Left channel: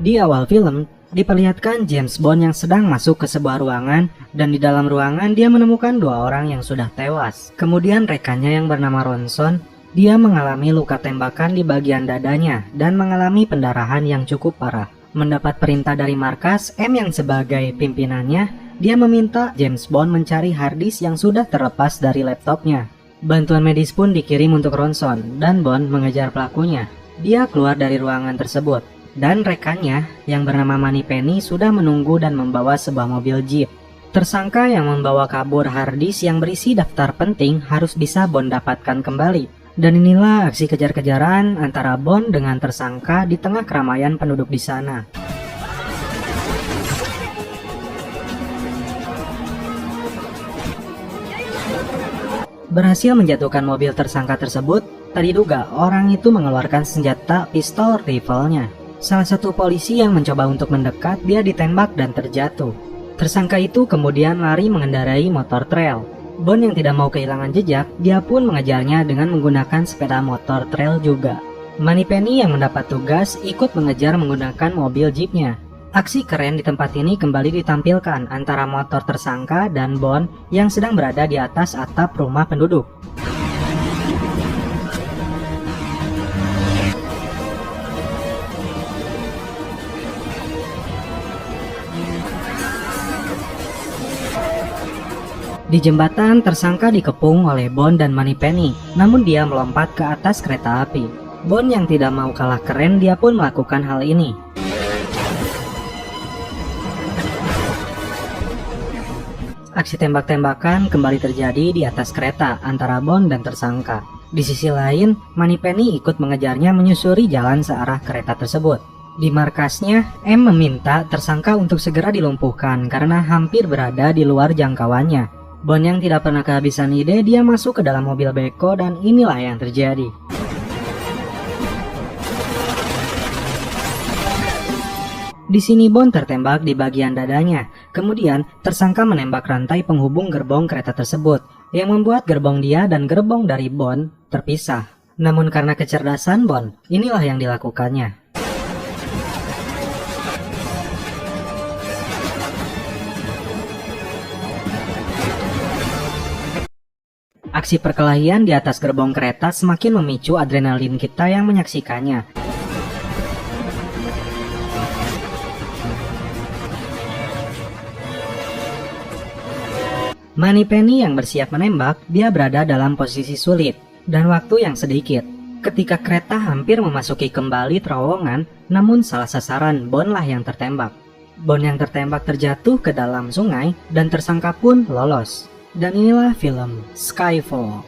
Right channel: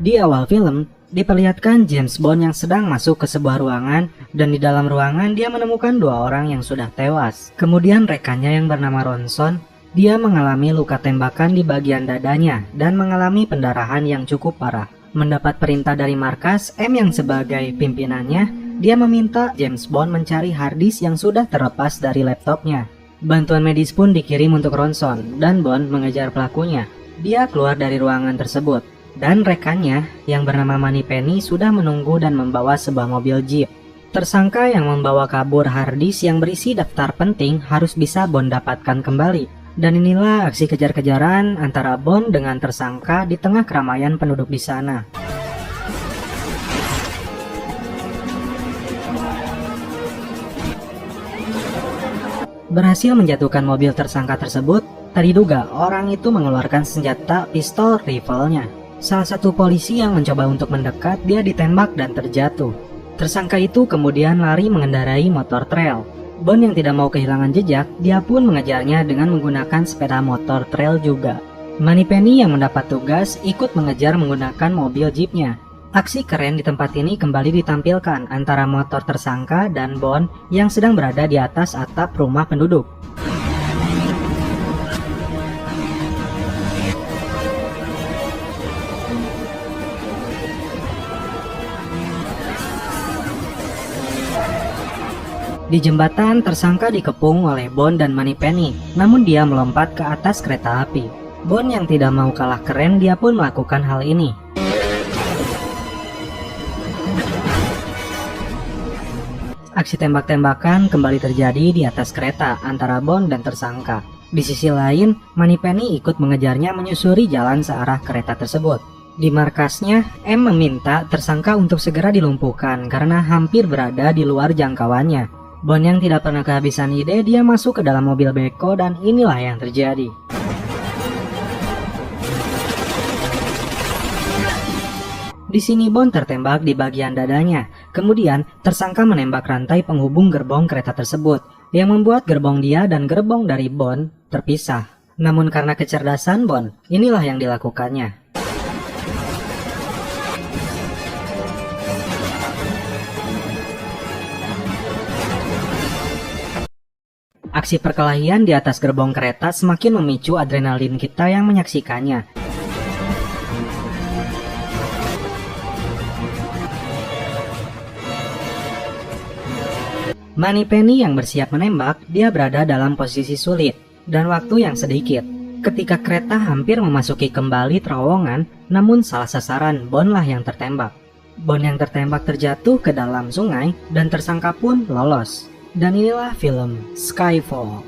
Di awal film, diperlihatkan James Bond yang sedang masuk ke sebuah ruangan dan di dalam ruangan dia menemukan dua orang yang sudah tewas. Kemudian rekannya yang bernama Ronson, dia mengalami luka tembakan di bagian dadanya dan mengalami pendarahan yang cukup parah. Mendapat perintah dari markas M yang sebagai pimpinannya, dia meminta James Bond mencari harddisk yang sudah terlepas dari laptopnya. Bantuan medis pun dikirim untuk Ronson dan Bond mengejar pelakunya. Dia keluar dari ruangan tersebut. Dan rekannya yang bernama Moneypenny sudah menunggu dan membawa sebuah mobil jeep. Tersangka yang membawa kabur harddisk yang berisi daftar penting harus bisa Bond dapatkan kembali. Dan inilah aksi kejar-kejaran antara Bond dengan tersangka di tengah keramaian penduduk di sana. Berhasil menjatuhkan mobil tersangka tersebut, terduga orang itu mengeluarkan senjata pistol rifle-nya. Salah satu polisi yang mencoba untuk mendekat, dia ditembak dan terjatuh. Tersangka itu kemudian lari mengendarai motor trail. Bond yang tidak mau kehilangan jejak, dia pun mengejarnya dengan menggunakan sepeda motor trail juga. Moneypenny yang mendapat tugas ikut mengejar menggunakan mobil jeepnya. Aksi keren di tempat ini kembali ditampilkan antara motor tersangka dan Bond yang sedang berada di atas atap rumah penduduk. Di jembatan, tersangka dikepung oleh Bond dan Moneypenny, namun dia melompat ke atas kereta api. Bond yang tidak mau kalah keren, dia pun melakukan hal ini. Aksi tembak-tembakan kembali terjadi di atas kereta antara Bond dan tersangka. Di sisi lain, Moneypenny ikut mengejarnya menyusuri jalan searah kereta tersebut. Di markasnya, M meminta tersangka untuk segera dilumpuhkan karena hampir berada di luar jangkauannya. Bond yang tidak pernah kehabisan ide, dia masuk ke dalam mobil beko dan inilah yang terjadi. Di sini Bond tertembak di bagian dadanya. Kemudian tersangka menembak rantai penghubung gerbong kereta tersebut, yang membuat gerbong dia dan gerbong dari Bond terpisah. Namun karena kecerdasan Bond, inilah yang dilakukannya. Aksi perkelahian di atas gerbong kereta semakin memicu adrenalin kita yang menyaksikannya. Moneypenny yang bersiap menembak, dia berada dalam posisi sulit dan waktu yang sedikit. Ketika kereta hampir memasuki kembali terowongan, namun salah sasaran Bond lah yang tertembak. Bond yang tertembak terjatuh ke dalam sungai dan tersangka pun lolos. Dan inilah film Skyfall.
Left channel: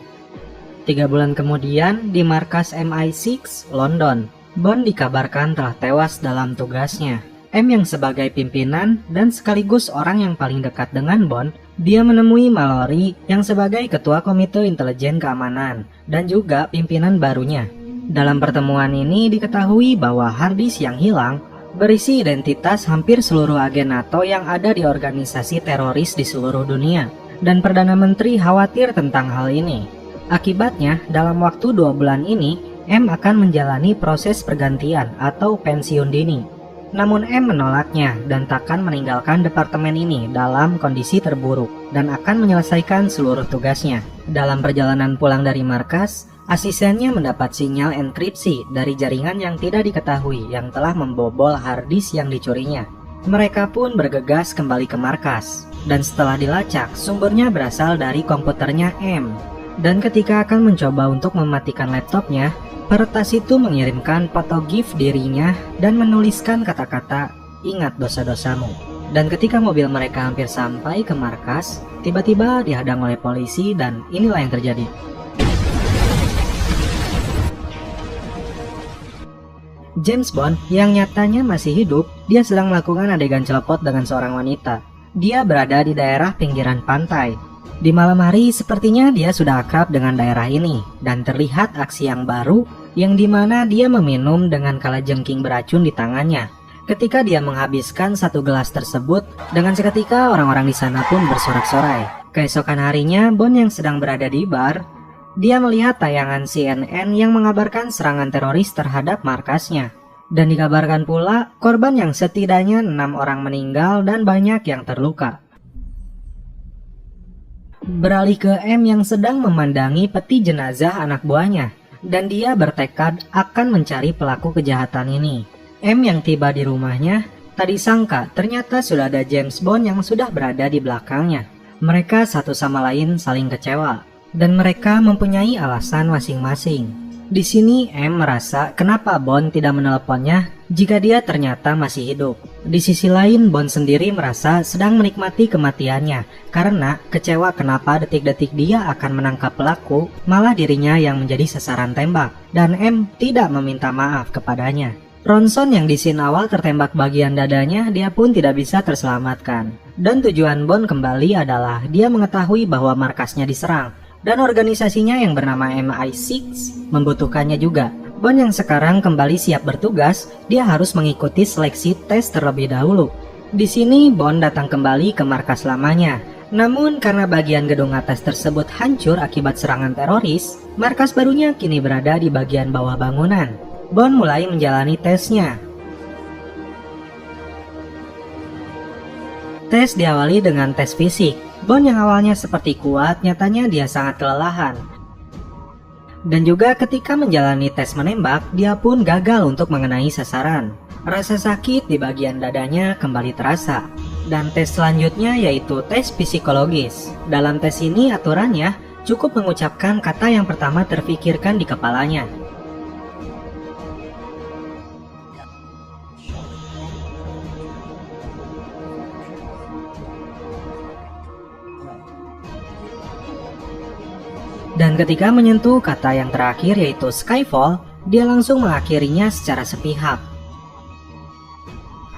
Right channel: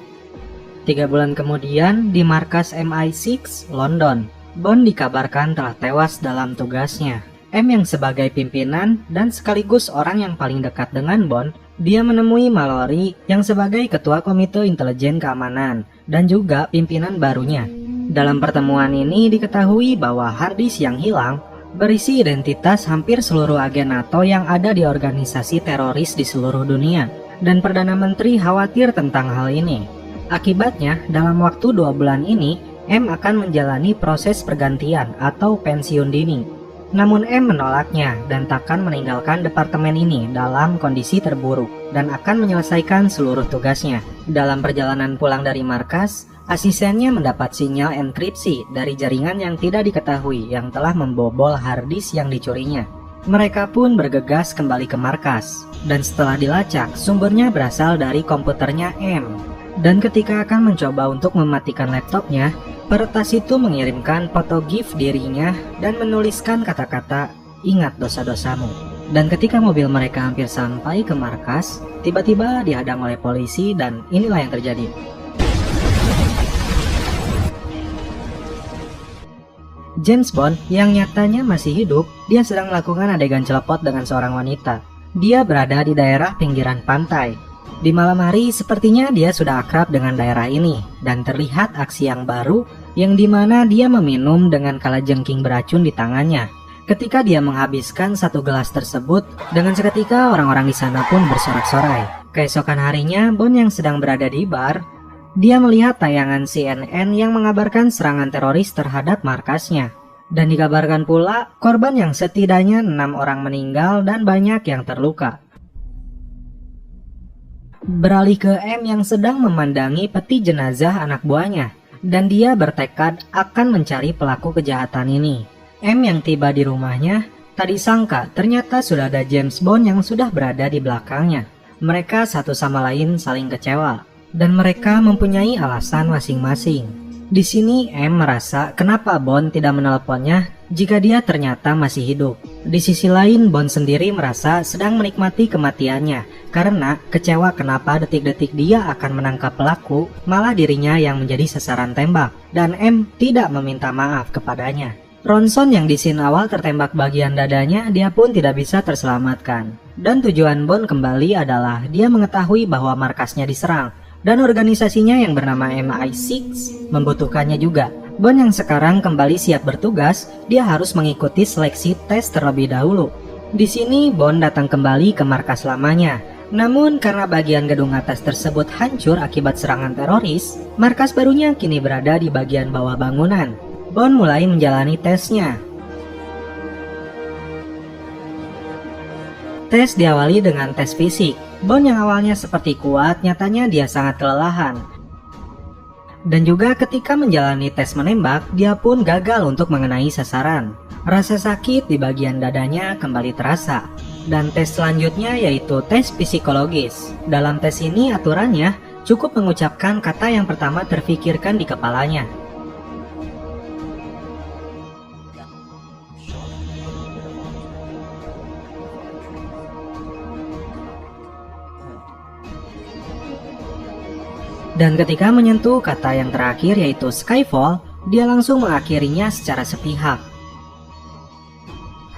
3 bulan kemudian di markas MI6 London, Bond dikabarkan telah tewas dalam tugasnya. M yang sebagai pimpinan dan sekaligus orang yang paling dekat dengan Bond, dia menemui Mallory yang sebagai ketua komite intelijen keamanan dan juga pimpinan barunya. Dalam pertemuan ini diketahui bahwa harddisk yang hilang berisi identitas hampir seluruh agen NATO yang ada di organisasi teroris di seluruh dunia. Dan Perdana Menteri khawatir tentang hal ini. Akibatnya, dalam waktu 2 bulan ini, M akan menjalani proses pergantian atau pensiun dini. Namun M menolaknya dan takkan meninggalkan departemen ini dalam kondisi terburuk dan akan menyelesaikan seluruh tugasnya. Dalam perjalanan pulang dari markas, asistennya mendapat sinyal enkripsi dari jaringan yang tidak diketahui yang telah membobol harddisk yang dicurinya. Mereka pun bergegas kembali ke markas, dan setelah dilacak, sumbernya berasal dari komputernya M. Dan ketika akan mencoba untuk mematikan laptopnya, peretas itu mengirimkan foto GIF dirinya dan menuliskan kata-kata, "Ingat dosa-dosamu." Dan ketika mobil mereka hampir sampai ke markas, tiba-tiba dihadang oleh polisi dan inilah yang terjadi. James Bond yang nyatanya masih hidup, dia sedang melakukan adegan celepot dengan seorang wanita. Dia berada di daerah pinggiran pantai. Di malam hari sepertinya dia sudah akrab dengan daerah ini dan terlihat aksi yang baru yang dimana dia meminum dengan kalajengking beracun di tangannya. Ketika dia menghabiskan 1 gelas tersebut, dengan seketika orang-orang di sana pun bersorak-sorai. Keesokan harinya, Bond yang sedang berada di bar, dia melihat tayangan CNN yang mengabarkan serangan teroris terhadap markasnya. Dan dikabarkan pula korban yang setidaknya 6 orang meninggal dan banyak yang terluka. Beralih ke M yang sedang memandangi peti jenazah anak buahnya, dan dia bertekad akan mencari pelaku kejahatan ini. M yang tiba di rumahnya tak disangka ternyata sudah ada James Bond yang sudah berada di belakangnya. Mereka satu sama lain saling kecewa, dan mereka mempunyai alasan masing-masing. Di sini M merasa kenapa Bond tidak menelponnya jika dia ternyata masih hidup. Di sisi lain Bond sendiri merasa sedang menikmati kematiannya karena kecewa kenapa detik-detik dia akan menangkap pelaku malah dirinya yang menjadi sasaran tembak, dan M tidak meminta maaf kepadanya. Ronson yang di scene awal tertembak bagian dadanya, dia pun tidak bisa terselamatkan. Dan tujuan Bond kembali adalah dia mengetahui bahwa markasnya diserang, dan organisasinya yang bernama MI6 membutuhkannya juga. Bond yang sekarang kembali siap bertugas, dia harus mengikuti seleksi tes terlebih dahulu. Di sini Bond datang kembali ke markas lamanya. Namun karena bagian gedung atas tersebut hancur akibat serangan teroris, markas barunya kini berada di bagian bawah bangunan. Bond mulai menjalani tesnya. Tes diawali dengan tes fisik. Bond yang awalnya seperti kuat, nyatanya dia sangat kelelahan. Dan juga ketika menjalani tes menembak, dia pun gagal untuk mengenai sasaran. Rasa sakit di bagian dadanya kembali terasa. Dan tes selanjutnya yaitu tes psikologis. Dalam tes ini aturannya cukup mengucapkan kata yang pertama terfikirkan di kepalanya. Dan ketika menyentuh kata yang terakhir yaitu Skyfall, dia langsung mengakhirinya secara sepihak.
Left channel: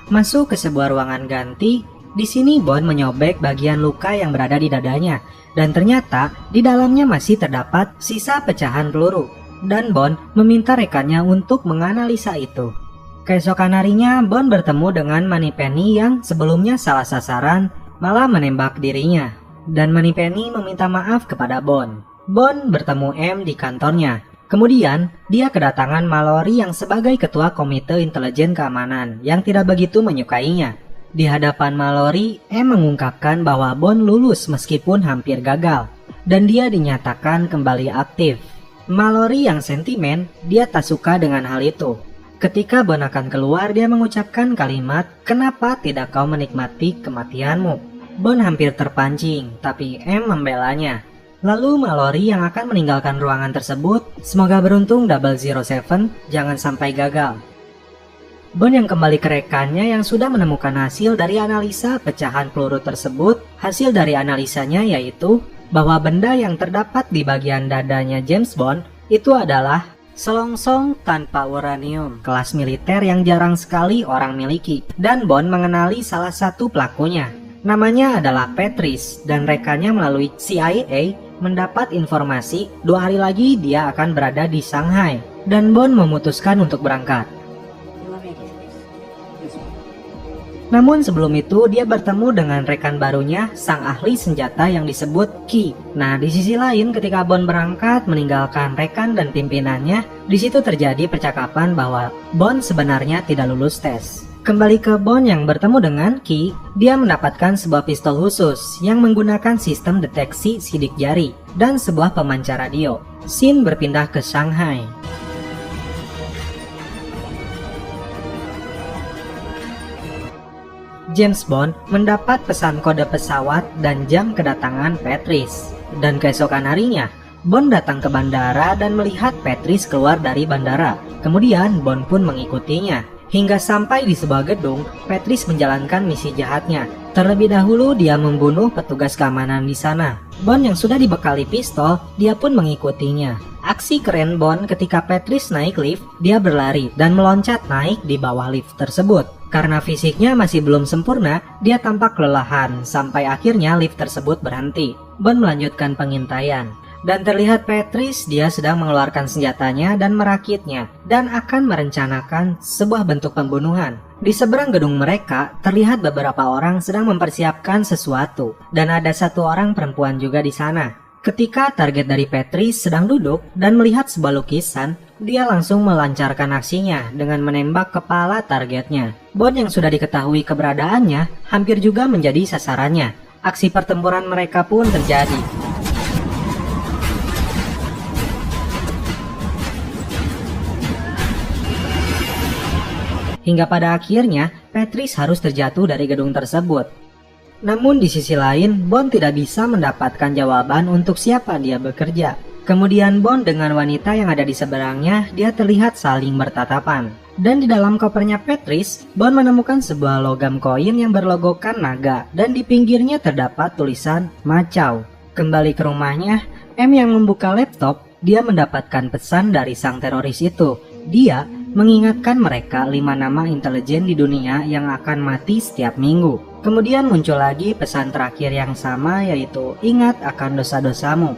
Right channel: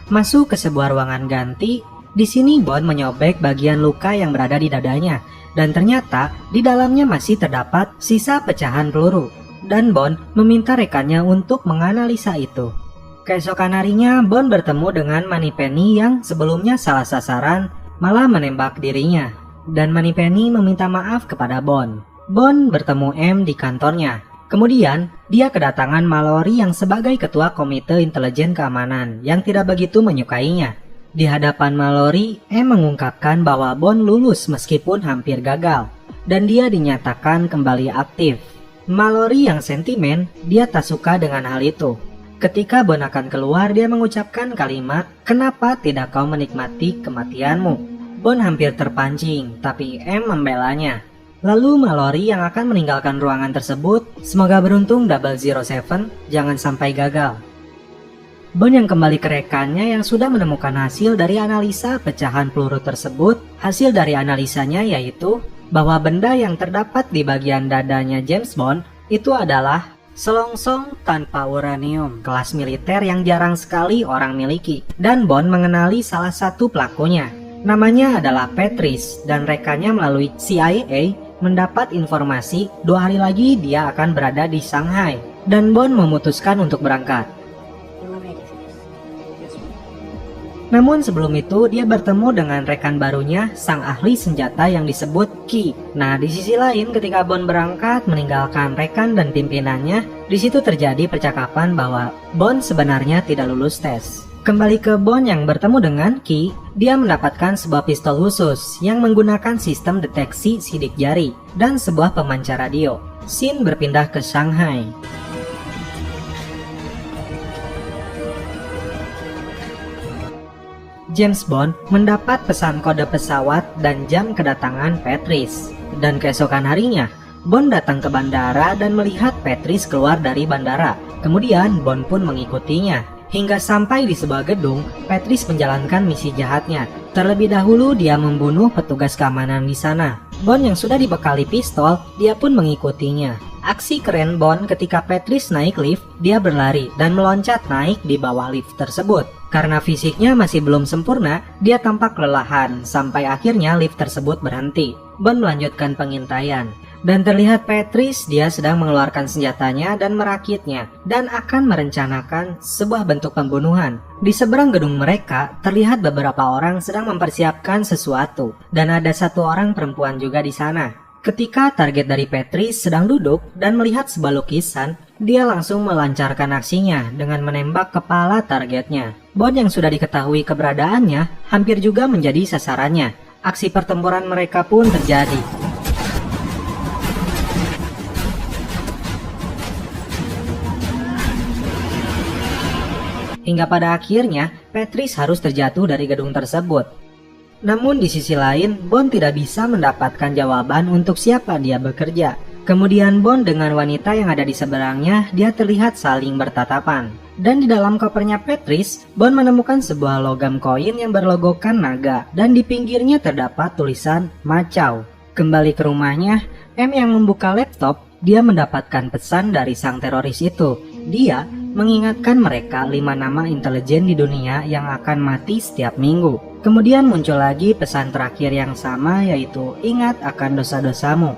Masuk ke sebuah ruangan ganti, di sini Bond menyobek bagian luka yang berada di dadanya, dan ternyata di dalamnya masih terdapat sisa pecahan peluru. Dan Bond meminta rekannya untuk menganalisa itu. Keesokan harinya Bond bertemu dengan Moneypenny yang sebelumnya salah sasaran malah menembak dirinya. Dan Moneypenny meminta maaf kepada Bond. Bond bertemu M di kantornya. Kemudian, dia kedatangan Mallory yang sebagai ketua Komite Intelijen Keamanan yang tidak begitu menyukainya. Di hadapan Mallory, M mengungkapkan bahwa Bond lulus meskipun hampir gagal, dan dia dinyatakan kembali aktif. Mallory yang sentimen, dia tak suka dengan hal itu. Ketika Bond akan keluar, dia mengucapkan kalimat, "Kenapa tidak kau menikmati kematianmu?" Bond hampir terpancing, tapi M membelanya. Lalu Mallory yang akan meninggalkan ruangan tersebut, semoga beruntung 007 jangan sampai gagal. Bond yang kembali ke rekannya yang sudah menemukan hasil dari analisa pecahan peluru tersebut. Hasil dari analisanya yaitu bahwa benda yang terdapat di bagian dadanya James Bond itu adalah selongsong tanpa uranium, kelas militer yang jarang sekali orang miliki. Dan Bond mengenali salah satu pelakunya. Namanya adalah Patrice, dan rekannya melalui CIA mendapat informasi 2 hari lagi dia akan berada di Shanghai, dan Bond memutuskan untuk berangkat. Namun sebelum itu dia bertemu dengan rekan barunya, sang ahli senjata yang disebut Key. Nah, di sisi lain ketika Bond berangkat meninggalkan rekan dan pimpinannya, di situ terjadi percakapan bahwa Bond sebenarnya tidak lulus tes. Kembali ke Bond yang bertemu dengan Key, dia mendapatkan sebuah pistol khusus yang menggunakan sistem deteksi sidik jari dan sebuah pemancar radio. Scene berpindah ke Shanghai. James Bond mendapat pesan kode pesawat dan jam kedatangan Patrice. Dan keesokan harinya, Bond datang ke bandara dan melihat Patrice keluar dari bandara. Kemudian Bond pun mengikutinya. Hingga sampai di sebuah gedung, Patrice menjalankan misi jahatnya. Terlebih dahulu dia membunuh petugas keamanan di sana. Bond yang sudah dibekali pistol, dia pun mengikutinya. Aksi keren Bond ketika Patrice naik lift, dia berlari dan meloncat naik di bawah lift tersebut. Karena fisiknya masih belum sempurna, dia tampak kelelahan sampai akhirnya lift tersebut berhenti. Bond melanjutkan pengintaian. Dan terlihat Patrice dia sedang mengeluarkan senjatanya dan merakitnya dan akan merencanakan sebuah bentuk pembunuhan. Di seberang gedung mereka terlihat beberapa orang sedang mempersiapkan sesuatu dan ada satu orang perempuan juga di sana. Ketika target dari Patrice sedang duduk dan melihat sebuah lukisan, dia langsung melancarkan aksinya dengan menembak kepala targetnya. Bond yang sudah diketahui keberadaannya hampir juga menjadi sasarannya. Aksi pertempuran mereka pun terjadi. Hingga pada akhirnya, Patrice harus terjatuh dari gedung tersebut. Namun di sisi lain, Bond tidak bisa mendapatkan jawaban untuk siapa dia bekerja. Kemudian Bond dengan wanita yang ada di seberangnya, dia terlihat saling bertatapan. Dan di dalam kopernya Patrice, Bond menemukan sebuah logam koin yang berlogokan naga, dan di pinggirnya terdapat tulisan Macau. Kembali ke rumahnya, M yang membuka laptop, dia mendapatkan pesan dari sang teroris itu. Dia mengingatkan mereka 5 nama intelijen di dunia yang akan mati setiap minggu. Kemudian muncul lagi pesan terakhir yang sama, yaitu ingat akan dosa-dosamu.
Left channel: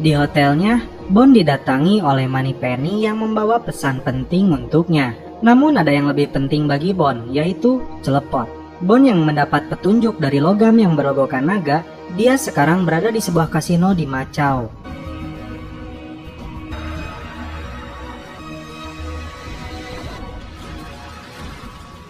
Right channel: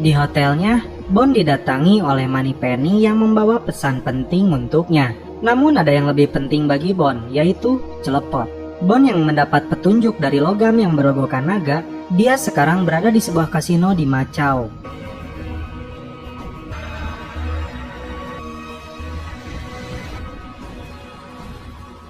Di hotelnya, Bond didatangi oleh Moneypenny yang membawa pesan penting untuknya. Namun ada yang lebih penting bagi Bond, yaitu celepon. Bond yang mendapat petunjuk dari logam yang berlogokan naga, dia sekarang berada di sebuah kasino di Macau.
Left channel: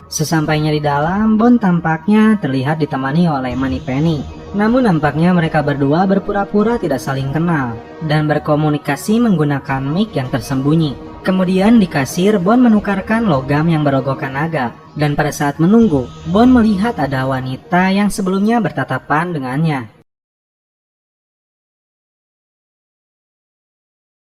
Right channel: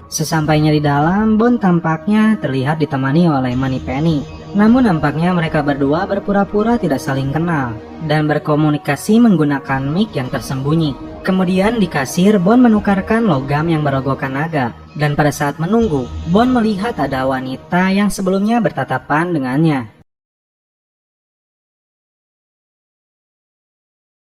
Sesampainya di dalam, Bond tampaknya terlihat ditemani oleh Moneypenny. Namun nampaknya mereka berdua berpura-pura tidak saling kenal dan berkomunikasi menggunakan mic yang tersembunyi. Kemudian di kasir, Bond menukarkan logam yang berlogokan naga. Dan pada saat menunggu, Bond melihat ada wanita yang sebelumnya bertatapan dengannya.